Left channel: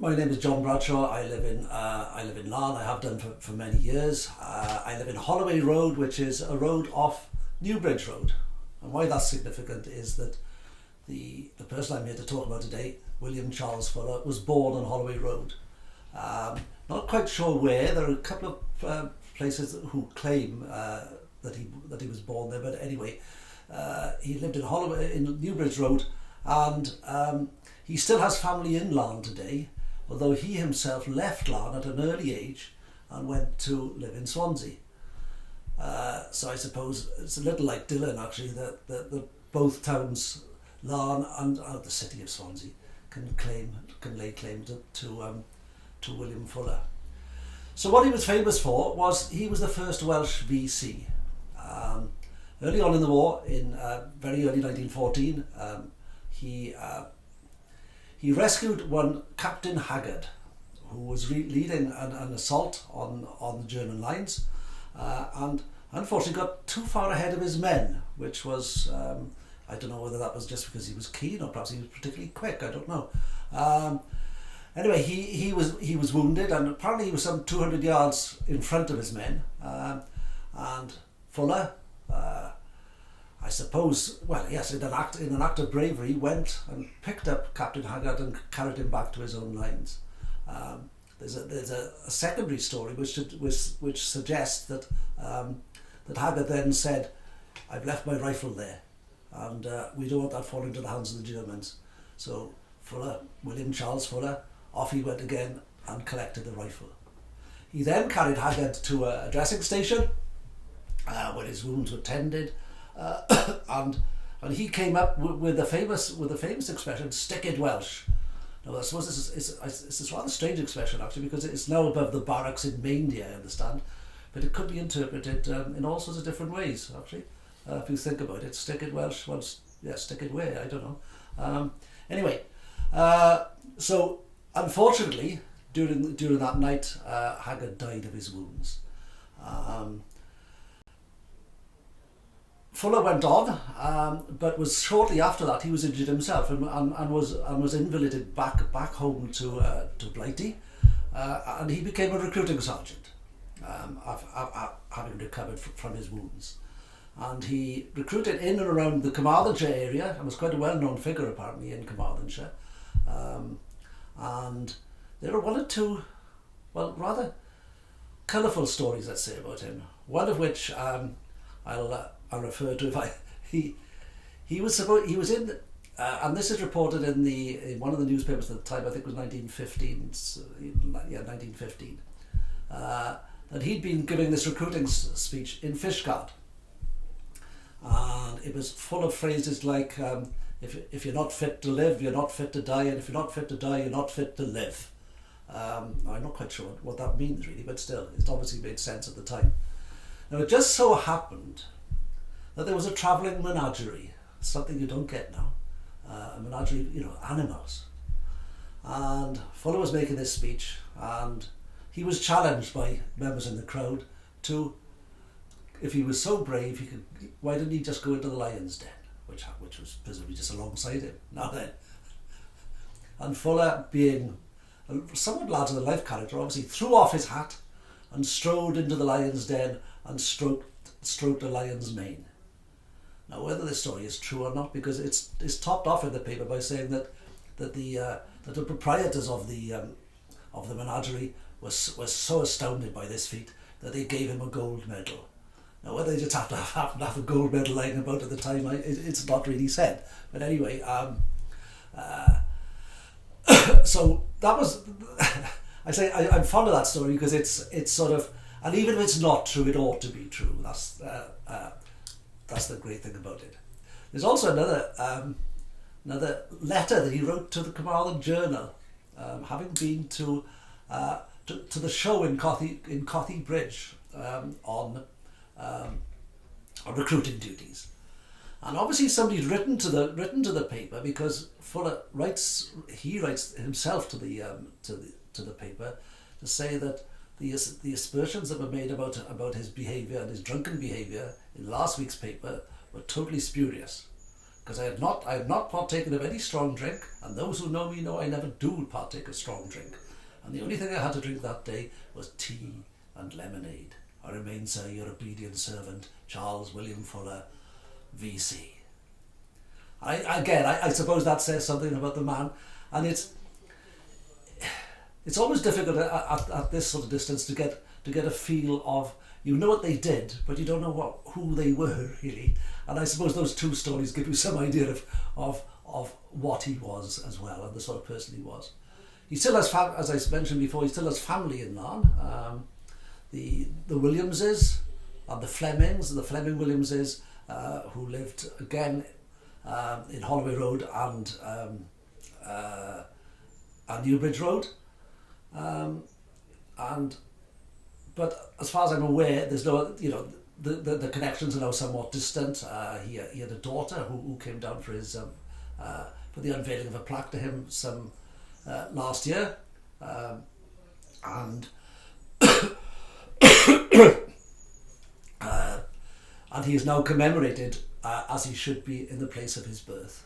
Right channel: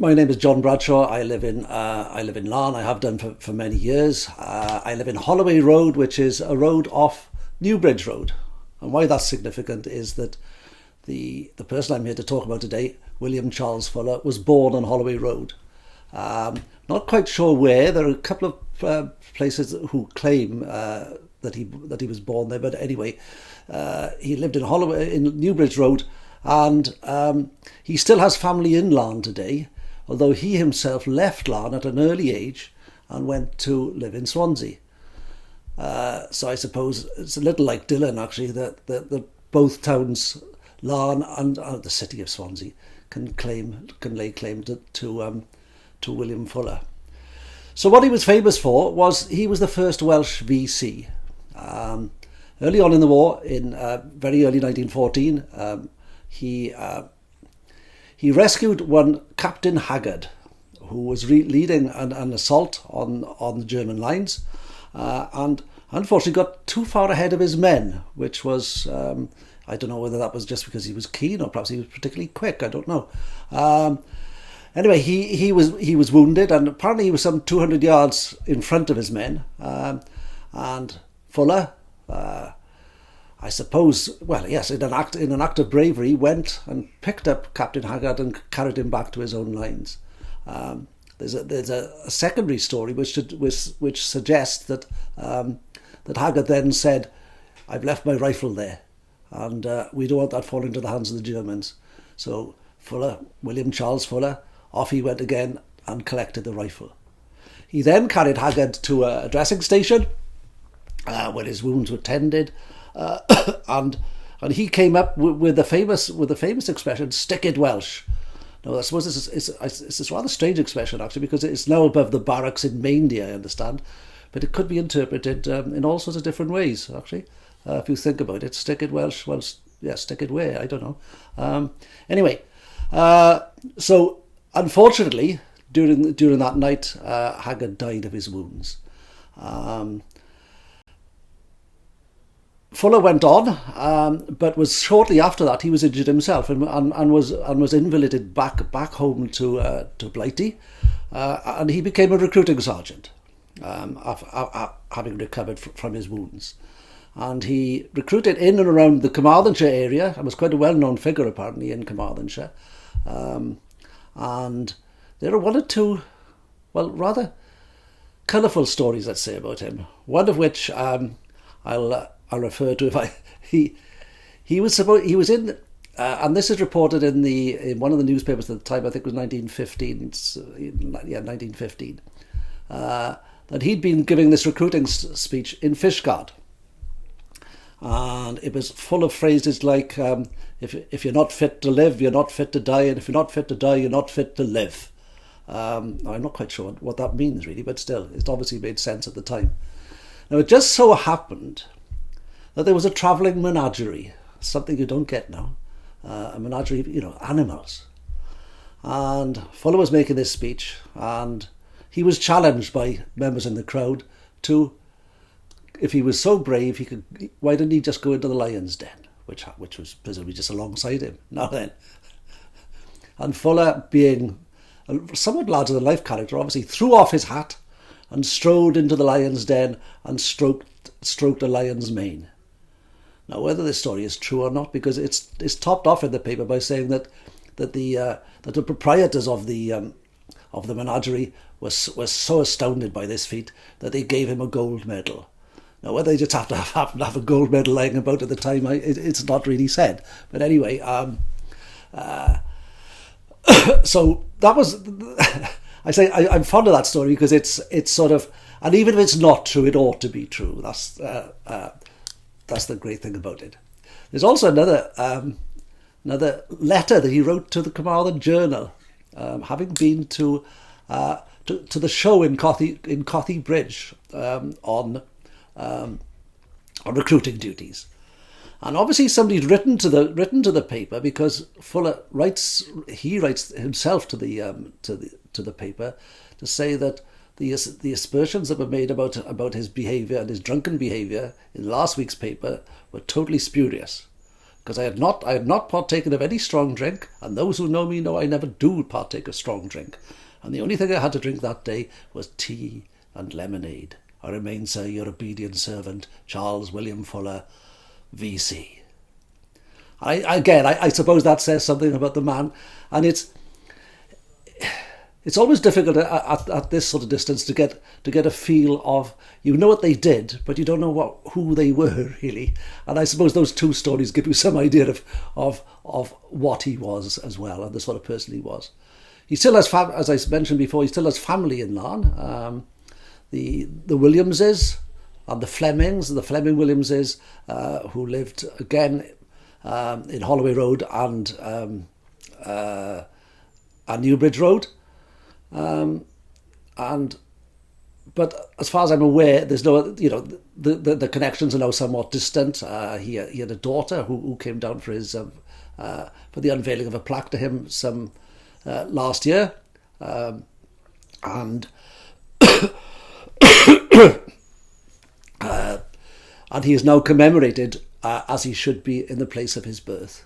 My name is John Bradshaw. I live in Larne. I have done for many years. I live in Holloway Road, which is a road off Newbridge Road. And why that's significant is that the person I'm here to talk about today, William Charles Fuller, was born on Holloway Road. Not quite sure where. There are a couple of places who claim that he was born there, but anyway, he lived in Holloway in Newbridge Road, and he still has family in Larne today, although he himself left Larne at an early age and went to live in Swansea. So I suppose it's a little like Dylan, actually, that both towns, Larne and the city of Swansea, can lay claim to William Fuller. So what he was famous for was he was the first Welsh VC. Early on in the war, in very early 1914, he rescued one Captain Haggard, who was leading an assault on the German lines, and unfortunately got too far ahead of his men, which was, I don't know whether that was just because he was keen or perhaps he was particularly quick, I don't know. Anyway, he was wounded, and apparently he was some 200 yards in front of his men, and Fuller, I suppose, well, yes, in an act of bravery, went and picked up Captain Haggard and carried him back to his own lines. There's a secondary story which suggests that Haggard then said, "I've left my rifle there, and we don't want that falling into the hands of the Germans." So William Charles Fuller, off he went again and collected the rifle. He then carried Haggard to a dressing station where his wounds were tended, and he came up with the famous expression, "Stick it Welsh." Now, I suppose it's a rather strange expression, actually, because it's now above the barracks in Maindy, I understand, but it could be interpreted in all sorts of different ways, actually, if you think about it. Stick it Welsh, well, yeah, stick it where, I don't know. Anyway, so unfortunately, during that night, Haggard died of his wounds. Fuller went on, but was shortly after that he was injured himself and was invalided back home to Blighty, and he became a recruiting sergeant, having recovered from his wounds, and he recruited in and around the Carmarthenshire area and was quite a well-known figure apparently in Carmarthenshire, and there are one or two, well, rather colourful stories, let's say, about him. One of which I'll refer to he was in, and this is reported in one of the newspapers at the time. I think it was 1915. 1915. That he'd been giving this recruiting speech in Fishguard, and it was full of phrases like, "If you're not fit to live, you're not fit to die, and if you're not fit to die, you're not fit to live." I'm not quite sure what that means really, but still, it obviously made sense at the time. Now, it just so happened that there was a travelling menagerie, something you don't get now, a menagerie, animals. And Fuller was making this speech, and he was challenged by members in the crowd to, if he was so brave, why didn't he just go into the lion's den, which was presumably just alongside him. Now then, and Fuller, being a somewhat larger than life character, obviously threw off his hat and strode into the lion's den and stroked a lion's mane. Now, whether this story is true or not, because it's topped off in the paper by saying that the proprietors of the menagerie was so astounded by this feat that they gave him a gold medal. Now, whether they just happen to have a gold medal lying about at the time, it's not really said. But anyway, so that was. I'm fond of that story because it's sort of, and even if it's not true, it ought to be true. That's the great thing about it. There's also another letter that he wrote to the Carmarthen Journal, having been to the show in Cothi Bridge on recruiting duties, and obviously somebody's written to the paper, because Fuller writes himself to the paper to say that the aspersions that were made about his behaviour and his drunken behaviour in last week's paper were totally spurious, because I had not partaken of any strong drink, and those who know me know I never do partake of strong drink. And the only thing I had to drink that day was tea and lemonade. I remain, sir, your obedient servant, Charles William Fuller, VC. I suppose that says something about the man, and it's always difficult at this sort of distance to get a feel of, you know what they did, but you don't know who they were really. And I suppose those two stories give you some idea of what he was as well, and the sort of person he was. He still has, as I mentioned before, he still has family in Larne. The Williamses and the Fleming Williamses, who lived again in Holloway Road and Newbridge Road. But as far as I'm aware, there's no, the connections are now somewhat distant. He had a daughter who came down for his for the unveiling of a plaque to him last year, and and he is now commemorated as he should be in the place of his birth.